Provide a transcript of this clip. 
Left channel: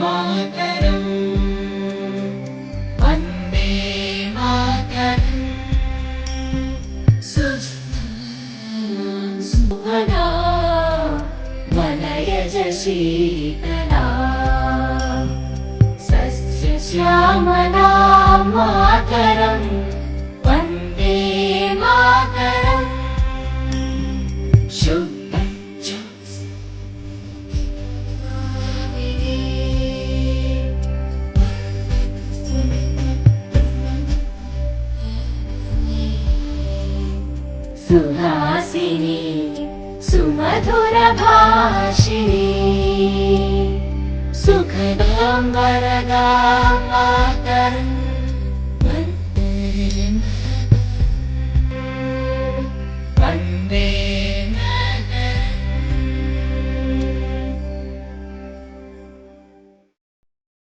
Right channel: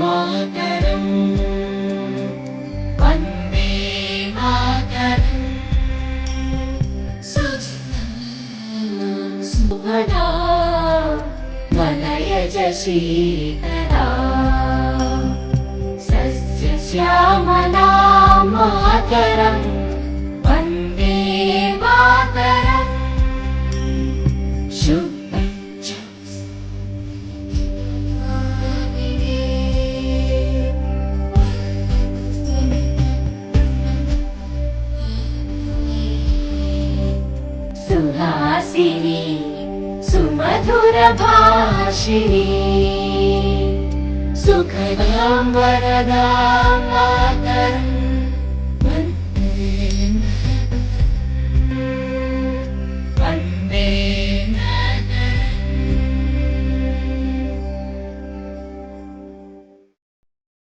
Mataram Vande Mataram Subhada वनयज Sheetla सस्यश्यामला Mataram Vande Mataram Suhasini सुमधुरभाषिणी सुखदां वरदां Mataram